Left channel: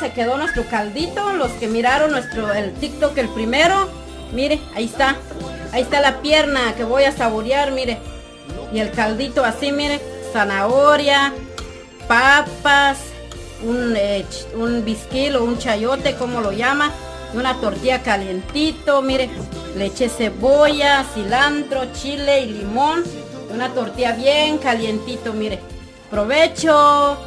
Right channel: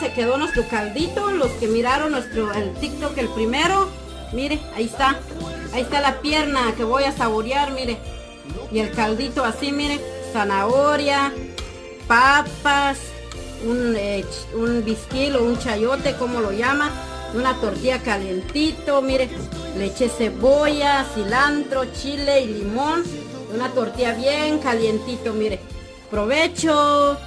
se quedó nuestro caldito. Los que miraron el TikTok el primero, mire, ahí está la pierna que voy a saborear, mire. Y el caldito así, mire, zanahoria, papas, un bisquil o un chayote, como lo llama, una tortilla calientito, mire, le eché cebolla, cilantro, chile y limón, una tortilla bien calientito, mire. Provecho.